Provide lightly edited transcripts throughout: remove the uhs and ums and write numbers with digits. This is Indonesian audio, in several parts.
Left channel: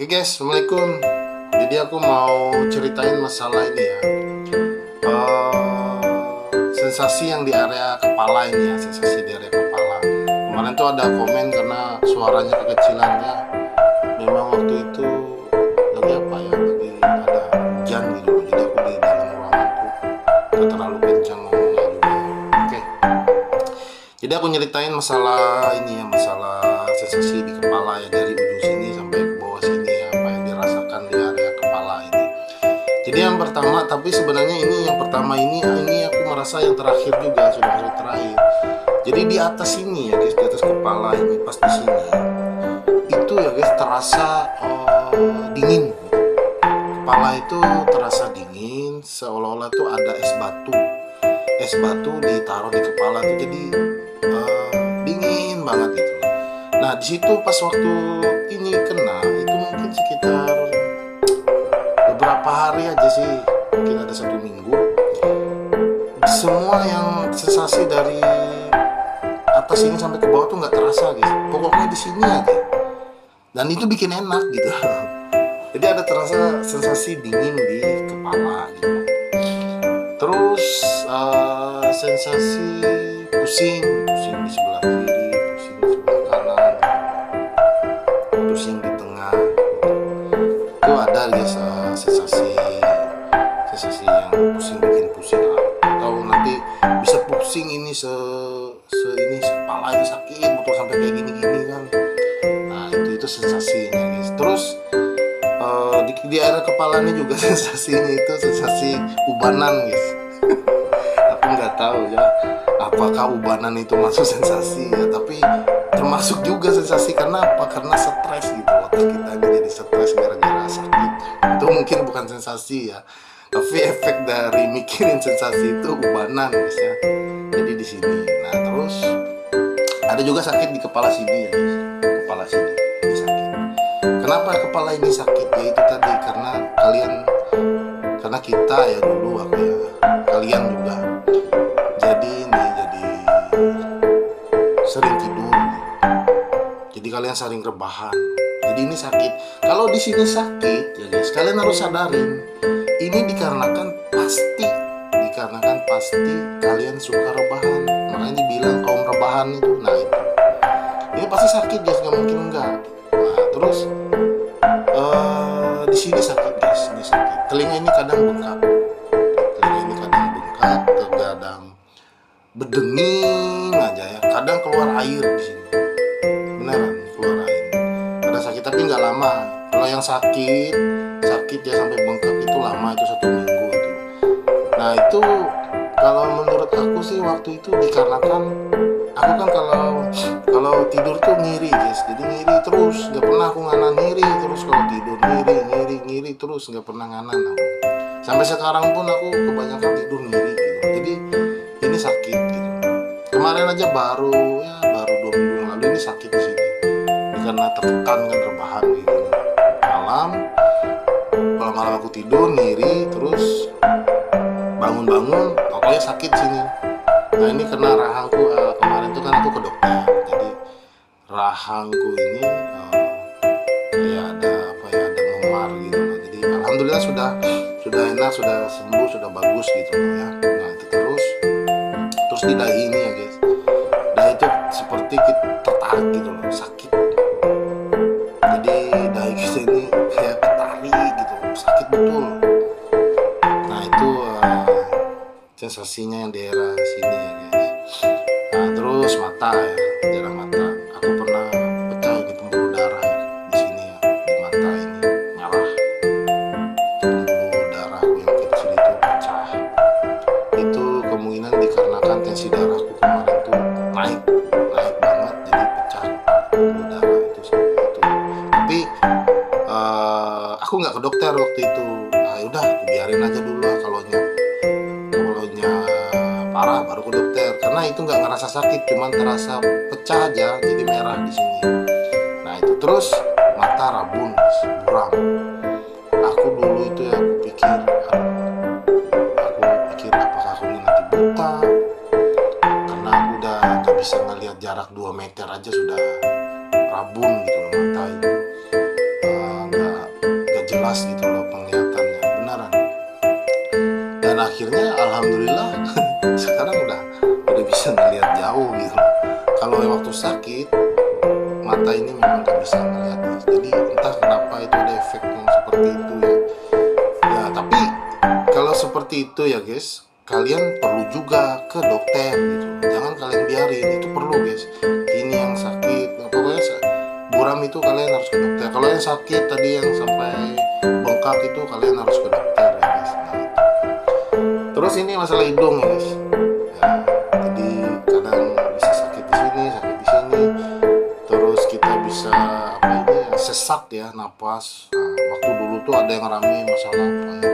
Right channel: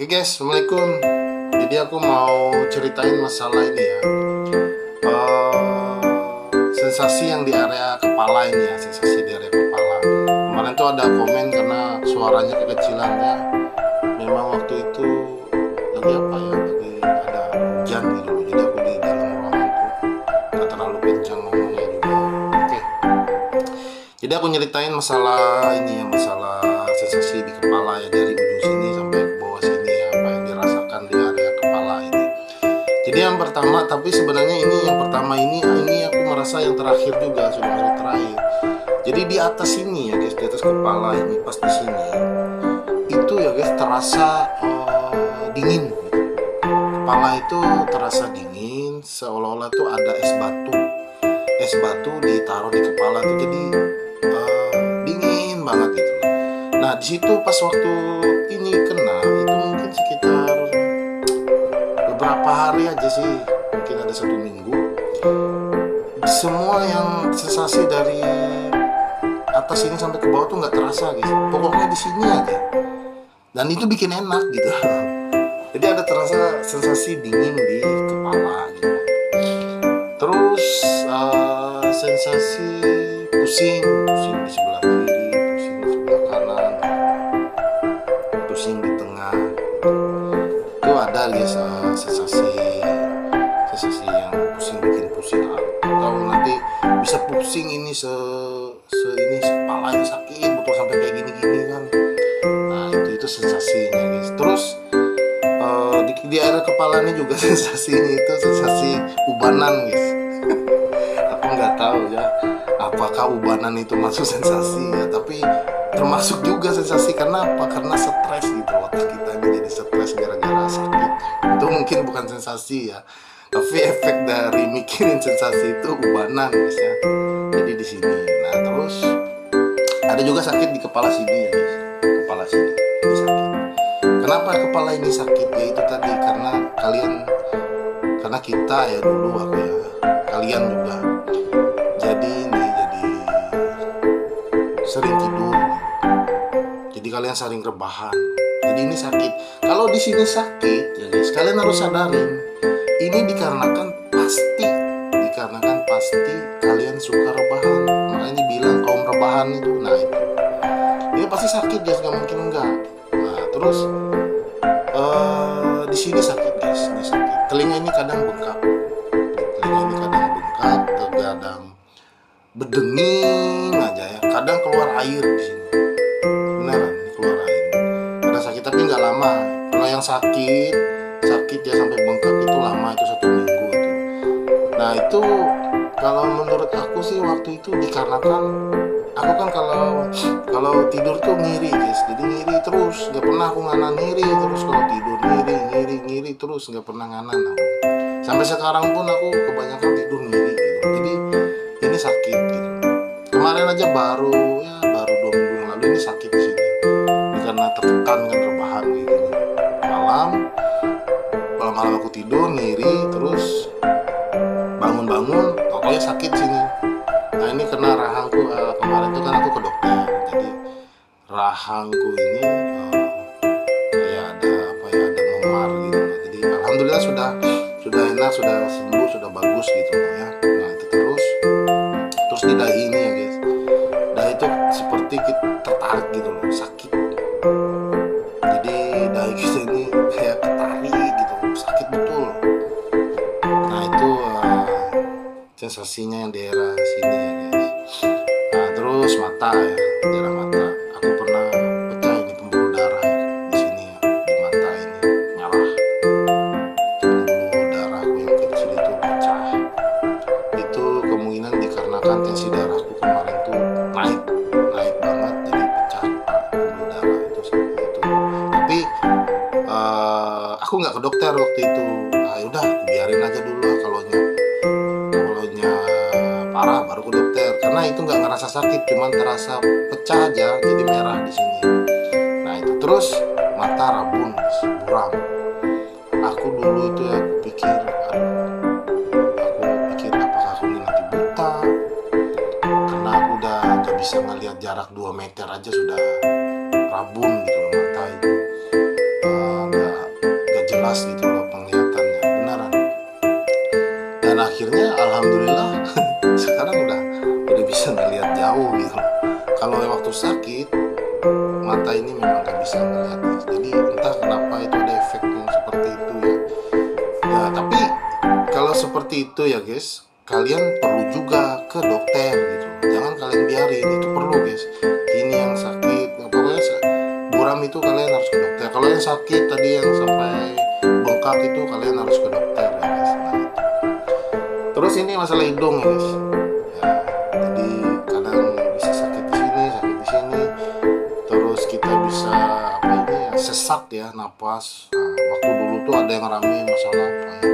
Oke guys, assalamualaikum. Jadi aku mau ceritain masalah ini ya. Sensasi yang di area kepala ini ya, sensasi di area kepala. Kemarin tuh ada komen karena suaranya kekecilan ya. Memang waktu itu lagi apa ya, lagi ada hujan gitu. Jadi aku di dalam ruangan tuh gak terlalu kencang ngomongnya juga. Oke. Jadi aku nyeritain masalah ini ya, masalah sensasi di kepala ya, dari ujung sini sampai ke bawah sini ya, apa yang dirasakan di area kepala ini. Jadi yang pertama, tapi sebenarnya ini yang pertama ini aku merasa yang terakhir juga, sudah masuk terakhir. Jadi di atas sini ya guys, di atas kepala ini, pas di sini itu ya guys terasa dingin gitu. Kepala itu terasa dingin, seolah-olah tuh ada es batu ditaruh di kepala tuh, jadi dingin banget gitu. Nah di situ pas waktu ini kena itu mungkin sekitar beberapa hari aja sih, mungkin ada 1 minggu. Semua yang sensasi dari atas ini sampai ke bawah tuh nggak terasa guys, pokoknya di sini aja, dan itu bikin enak gitu. Jadi ada terasa sensasi dingin di kepala gitu. Terus sensasi pusing di sebelah kiri, pusing di sebelah kanan, pusing di tengah itu ada guys. Sensasi yang pusing, bikin pusing, atau nanti bisa pusing ini kepala ini sakit betul sampai kayak gini kan. Nah itu sensasinya guys. Terus di area kepala ini juga sensasinya itu sensasi ubanan guys. Aku nggak tahu ya apakah ubanan itu masuk sensasi ya, tapi termasuk juga sensasi. Karena apa? Karena stres gitu, otak kita ini jadi stres gara-gara sakit. Itu mungkin bukan sensasi ya, tapi efek dari mikirin sensasi itu ubanan guys ya. Jadi di sini. Nah terus ada juga sakit di kepala sini ya guys. Kepala sini ini sakit. Kenapa kepala ini sakit? Ya itu tadi, karena kita ya dulu, aku ya, kalian juga jadi sering tidur gitu. Jadi kalian sering rebahan. Jadi ini sakit. Kalau di sini sakit ya guys, kalian harus sadarin ini dikarenakan pasti kalian suka rebahan. Makanya dibilang kaum rebahan itu. Nah itu ini pasti sakit guys, nggak mungkin enggak. Nah terus di sini sakit guys, ini sakit. Telinga ini kadang bengkak, kadang berdenging aja ya. Kadang keluar air di sini, beneran keluar air. Kadang sakit tapi nggak lama. Kalau yang sakit ya sampai bengkak itu lama, itu 1 minggu itu. Nah itu kalau menurut aku sih waktu itu dikarenakan aku kan kalau tidur tuh ngiri guys. Jadi ngiri terus, nggak pernah aku nganan, ngiri terus kalau tidur, ngiri terus, nggak pernah nganan aku. Sampai sekarang pun aku kebanyakan tidur ngiri gitu. Jadi ini sakit gitu. Kemarin aja baru 2 minggu yang lalu ini sakit di sini. Ini karena tertekan kan, rebahan gitu. Malam aku tidur ngiri terus, bangun pokoknya sakit sini. Nah ini kena rahangku. Kemarin tuh kan aku ke dokter, jadi rahangku ini kayak ada memar gitu loh. Jadi alhamdulillah sudah enak, sudah sembuh, sudah bagus gitu loh ya. Nah itu terus di dahi ini ya guys, dahi itu seperti kita tertarik gitu loh, sakit. Jadi dahi kita ini kayak ketarik gitu, sakit betul. Nah itu sensasinya yang di daerah sini ya guys. Nah terus mata ya, daerah mata aku pernah pecah ini pembuluh darah ya, di sini ya, di mata ini nyala. Pembuluh darahku yang kecil itu pecah. Itu kemungkinan dikarenakan tensi darahku kemarin tuh naik banget, jadi pecah pembuluh darah itu. Tapi aku nggak ke dokter waktu itu. Nah yaudah aku biarin aja dulu lah, kalau parah baru ke dokter. Karena itu nggak ngerasa sakit, cuman terasa pecah aja, jadi merah di sini. Nah itu terus mata rabun, buram. Aku dulu itu ya, aku pikir apakah aku ini nanti buta, karena aku udah nggak bisa ngelihat jarak 2 meter aja sudah rabun gitu loh mata ini. jelas gitu loh penglihatannya, beneran. Dan akhirnya alhamdulillah sekarang udah bisa ngelihat jauh gitu loh. Kalau waktu sakit mata ini memang gak bisa ngelihat guys. Jadi entah kenapa itu ada efek yang seperti itu ya. Ya tapi kalau seperti itu ya guys, kalian perlu juga ke dokter gitu. Jangan kalian biarin, itu perlu guys. Ini yang sakit, pokoknya buram itu kalian harus ke dokter. Kalau yang sakit tadi yang sampai bengkak itu kalian harus ke dokter ya guys. Nah, itu. Terus ini masalah hidung ya guys. Ya, jadi kadang bisa sakit di sini, sakit di sini. Terus kita bisa apa ini ya, sesak ya napas. Nah, waktu dulu tuh ada yang rame masalah apa ya?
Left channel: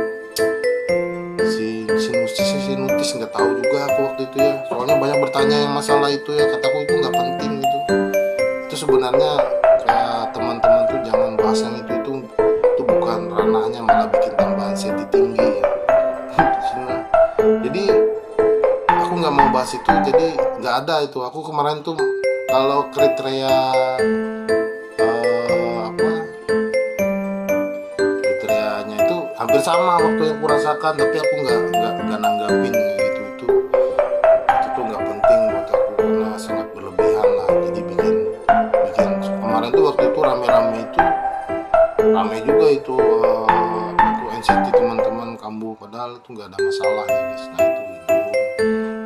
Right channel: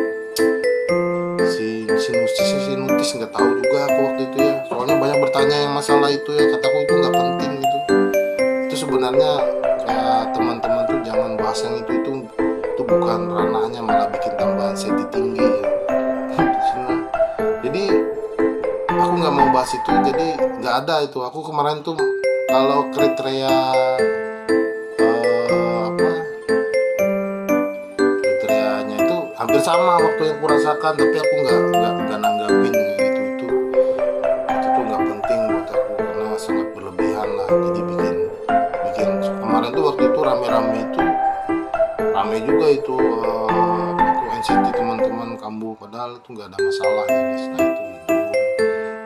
Sinusitis nggak tahu juga aku waktu itu ya. Soalnya banyak bertanya yang masalah itu ya, kataku itu nggak penting gitu. Itu sebenarnya kayak teman-teman tuh jangan bahas yang itu bukan ranahnya, malah bikin tambahan senti tinggi ya. Jadi aku nggak mau bahas itu, jadi nggak ada itu. Aku kemarin tuh kalau kriteria kriterianya itu hampir sama waktu yang kurasakan, tapi aku nggak nanggapin itu tuh nggak penting buat aku karena sangat berlebihan lah. Jadi bikin kemarin tuh waktu itu rame juga itu NCT teman-teman kambuh, padahal itu nggak ada masalah ya guys. Nah itu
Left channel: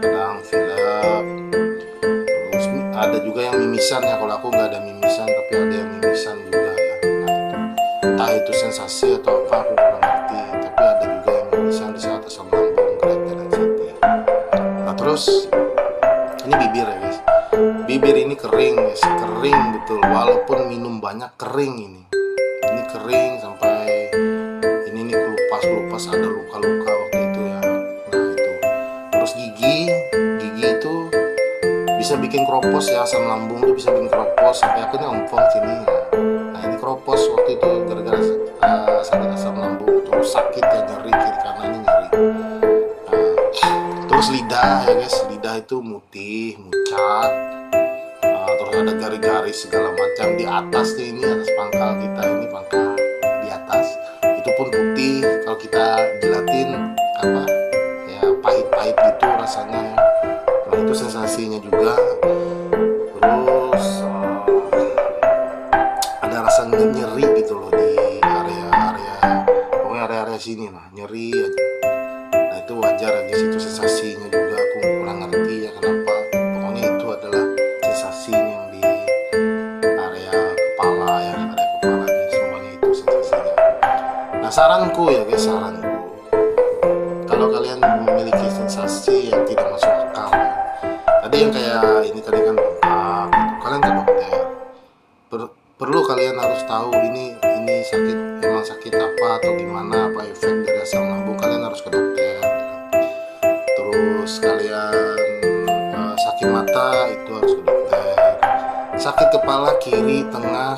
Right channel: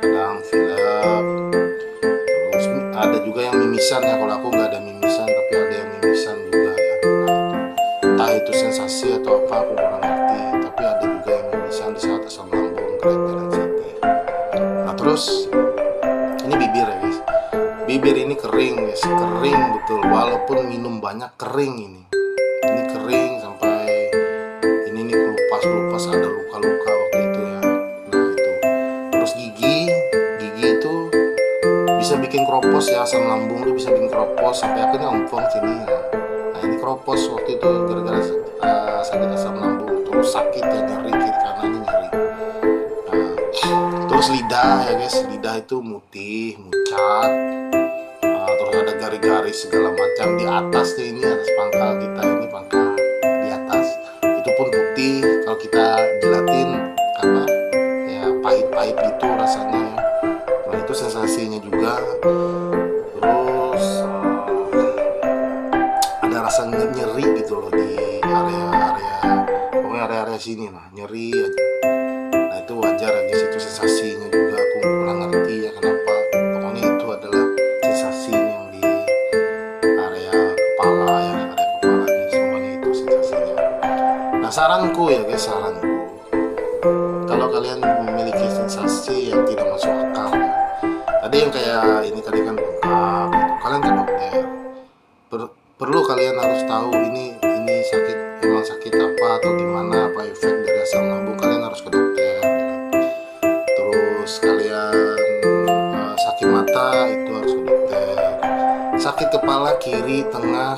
kadang filap, terus ada juga yang mimisan ya. Kalau aku nggak ada mimisan, tapi ada yang mimisan juga ya. Nah entah itu sensasi atau apa aku kurang ngerti, tapi ada juga yang mimisan di saat asam lambung, kreatin, NCT. Nah terus ini bibir ya guys. Bibir ini kering guys, kering betul. Walaupun minum banyak kering ini kering sampai ini nih kelupas ada luka-luka waktu itu ya. Nah itu. Terus gigi itu bisa bikin keropos ya, asam lambung tuh bisa bikin keropos sampai akhirnya ompong sini ya. Nah ini keropos waktu itu gara-gara sakit asam lambung, terus sakit ya, nyeri kiri kanannya nyeri. Nah, terus lidah ya guys, lidah itu mutih, mucat. Terus ada garis-garis segala macam di atas tuh, ini atas pangkal kita ini, pangkal di atas itu pun putih. Kalau kita jelatin apa ya, pahit-pahit gitu rasanya ya. Nah itu sensasinya juga. Terus ada rasa nyeri gitu loh di pokoknya area sini lah, nyeri aja. Nah itu wajar ya guys, itu sensasinya juga. Aku kurang ngerti ya kenapa, pokoknya itu adalah sensasi yang di area kepala ya, area kepala ini semuanya itu sensasinya. Nah saranku ya guys, kalau kalian memiliki sensasi yang tidak masuk akal ya, tadi yang kayak ini tadi kan bengkak gitu, kalian ke dokter. Perlu kalian harus tahu ini sakit, emang sakit apa atau gimana, apa efek dari asam lambung, kalian harus ke dokter gitu. Terus kalian sakit mata itu harus ke dokter. Sakit kepala kiri, tengah,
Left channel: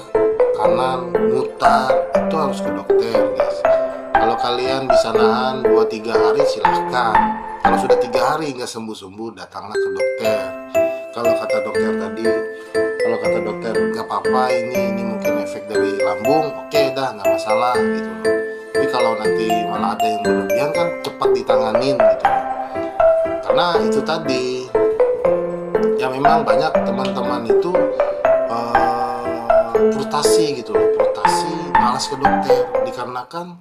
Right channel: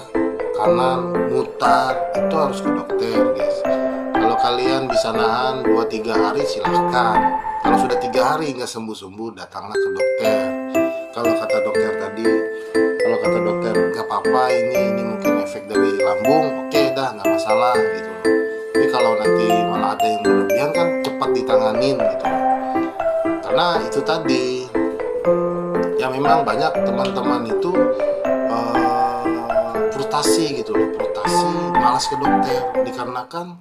kanan, mutar itu harus ke dokter guys. Kalau kalian bisa nahan 2-3 hari silahkan. Kalau sudah 3 hari nggak sembuh-sembuh, datanglah ke dokter. Kalau kata dokter nggak apa-apa, ini mungkin efek dari lambung, oke dah nggak masalah gitu loh. Tapi kalau nanti malah ada yang berlebihan kan cepat ditanganin gitu loh. Karena itu tadi ya, memang banyak teman-teman itu frustasi gitu loh, malas ke dokter dikarenakan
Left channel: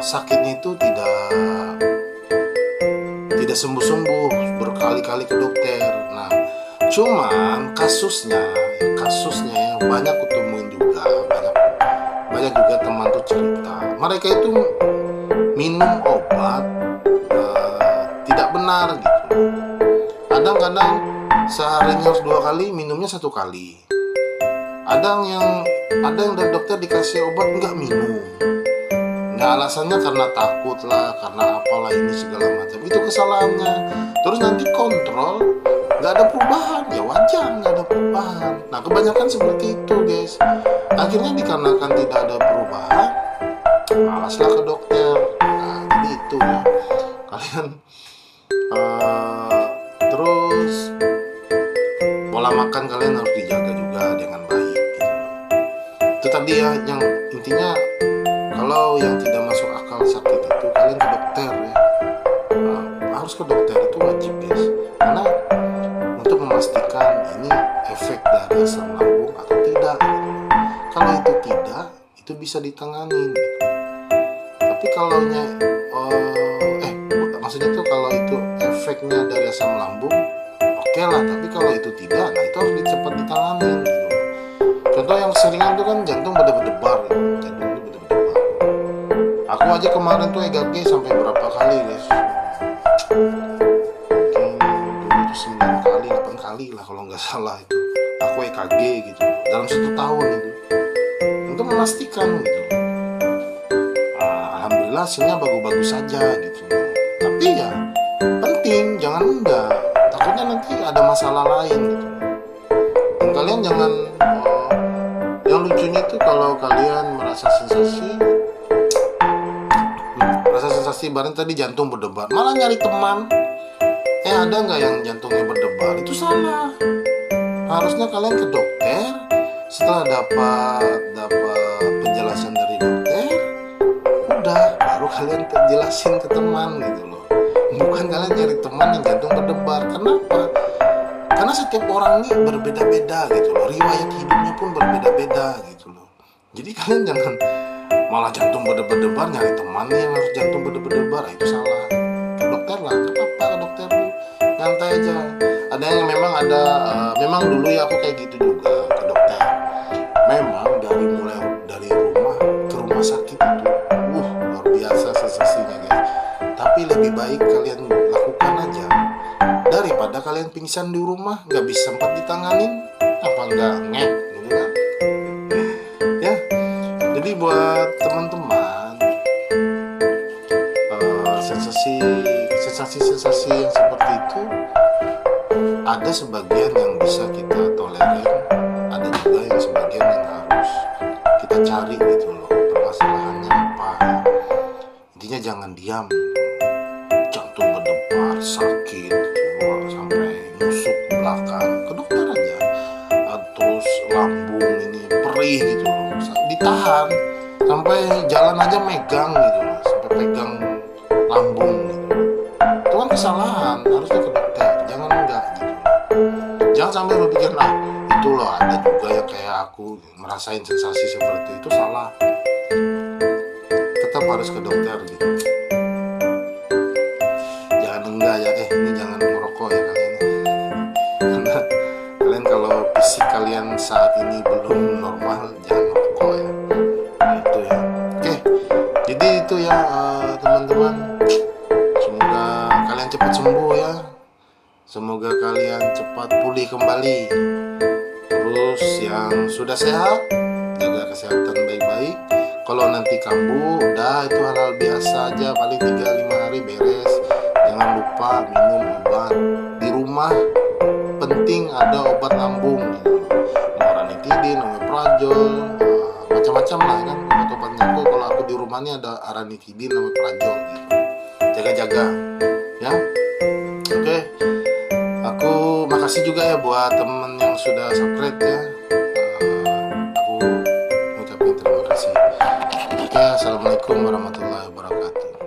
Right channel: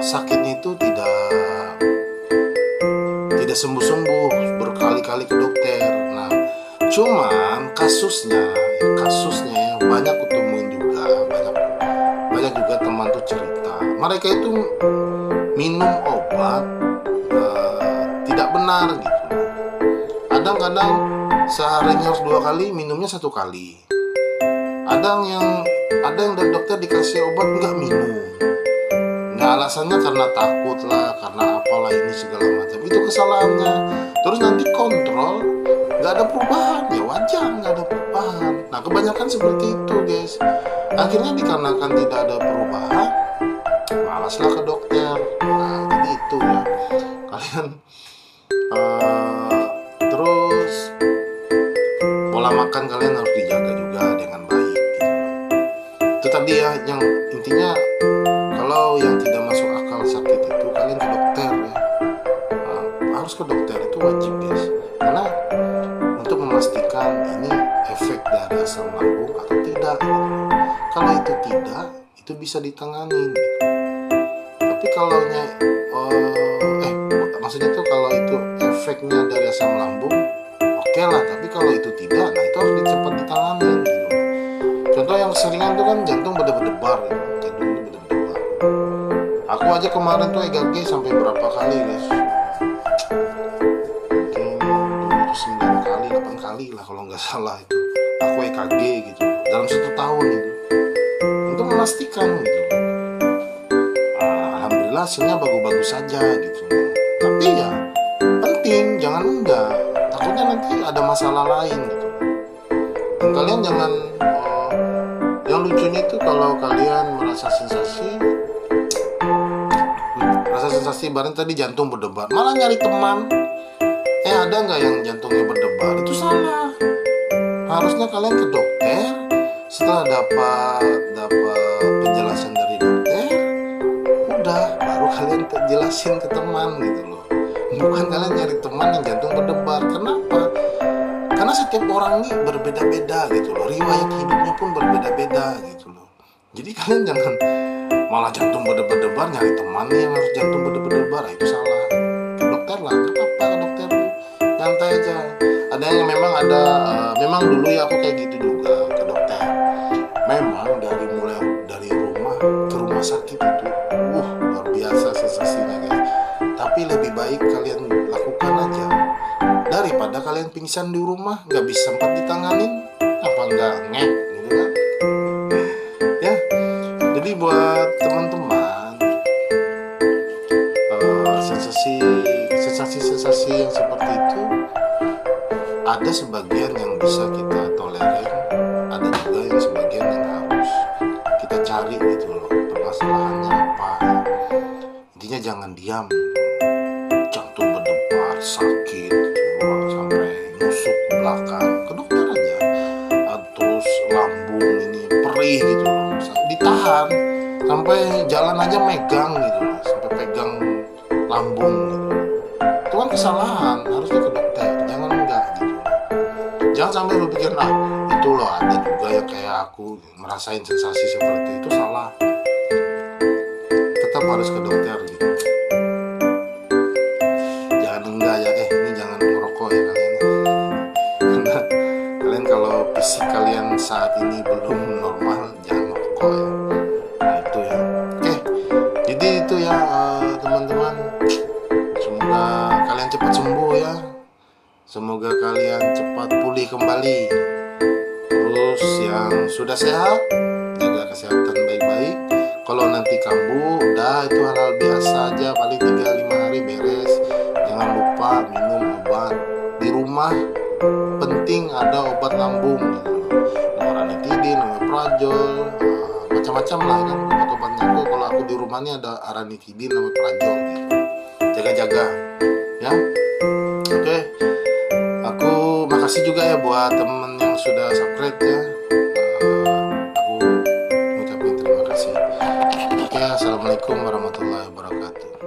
sakitnya itu tidak sembuh-sembuh, berkali-kali ke dokter. Nah cuman kasusnya yang banyak kutemuin juga, banyak juga teman tuh cerita mereka itu minum obat tidak benar gitu. Kadang-kadang seharinya harus 2 kali, minumnya 1 kali. Ada yang dari dokter dikasih obat nggak minum. Nah alasannya karena takut lah, karena apalah ini segala macam. Itu kesalahannya. Terus nanti kontrol nggak ada perubahan, ya wajar nggak ada perubahan. Nah kebanyakan seperti itu guys. Akhirnya dikarenakan tidak ada perubahan, malaslah ke dokter. Nah jadi itu ya, kalian terus pola makan kalian harus dijaga juga dengan baik gitu. Itu tadi ya, yang intinya kalau yang tidak masuk akal sakit itu kalian ke dokter ya. Harus ke dokter, itu wajib guys, karena untuk memastikan ini efek dari asam lambung atau tidak. Kalau itu tidak, itu bisa ditangani. Tapi kalau maksudnya tuh kalau itu efeknya dari asam lambung, oke lah. Tapi kalau itu tidak, nah itu harus cepat ditangani gitu. Contoh yang seringan tuh kan jantung berdebar-debar gitu. Jantung itu berdebar-debar. Aku aja kemarin tuh EKG sampai berapa kali guys? Mungkin dulu tuh 9 kali, 8 kali lah kalau nggak salah itu. Aku EKG gitu dalam 1 tahun itu. Untuk memastikan gitu. Alhamdulillah hasilnya bagus-bagus saja gitu. Tapi ya penting, jangan enggak. Takutnya nanti ada masalah lain gitu. Dan kalian jangan yang lucunya itu kalau kalian merasa sensasi bareng tadi jantung berdebar, malah nyari teman. Ada nggak yang jantungnya berdebar? Itu salah. Harusnya kalian ke dokter. Setelah dapat penjelasan dari dokter, udah baru kalian jelasin ke teman gitu loh. Bukan kalian nyari teman yang jantung berdebar. Kenapa? Karena setiap orang ini berbeda-beda gitu loh. Riwayat hidupnya pun berbeda-beda gitu loh. Jadi kalian jangan malah jantung berdebar-debar nyari teman yang harus jantung berdebar-debar. Itu salah. Ke dokter lah, nggak apa-apa ke dokter tuh. Nyantai aja. Ada yang memang dulu ya aku kayak gitu juga ke dokter. Memang mulai dari rumah ke rumah sakit itu luar biasa sensasinya guys. Tapi lebih baik kalian lakukan aja daripada kalian pingsan di rumah nggak bisa sempat ditanganin, apa nggak ngek gitu kan ya. Jadi buat teman-teman, sensasi yang seperti itu ada sebagian yang bisa kita tolerir, ada juga yang sebagian yang harus kita cari gitu loh, permasalahannya apa ya. Intinya jangan diam. Jantung berdebar, sakit sampai nusuk ke belakang, ke dokter aja. Terus lambung ini perih gitu loh, ditahan sampai jalan aja megang gitu loh, sampai pegang lambung gitu loh. Itu kan kesalahan, harusnya ke dokter, jangan enggak gitu loh. Jangan sampai berpikir itu loh ada juga yang kayak aku merasain sensasi seperti itu, salah. Tetap harus ke dokter gitu. Enggak ya, ini jangan ngerokok ya kalian. Karena kalian kalau fisik kalian saat ini belum normal, jangan ngerokok ya. Nah itu ya. Oke, jadi itu ya teman-teman. Semoga kalian cepat sembuh ya. Semoga kalian cepat pulih kembali. Terus yang sudah sehat, jaga kesehatan baik-baik. Kalau nanti kambuh, udah itu hal-hal biasa aja, paling 3-5 hari beres. Jangan lupa minum obat di rumah. Penting ada obat lambung gitu. Ranitidin, omeprazol, macam-macam lah kan obat-obatnya. Kalau aku di rumah ini ada ranitidin, omeprazol gitu. Jaga-jaga ya. Oke. Aku makasih juga ya buat temen yang sudah subscribe ya. Aku ngucapin terima kasih. Oke, assalamualaikum warahmatullahi wabarakatuh.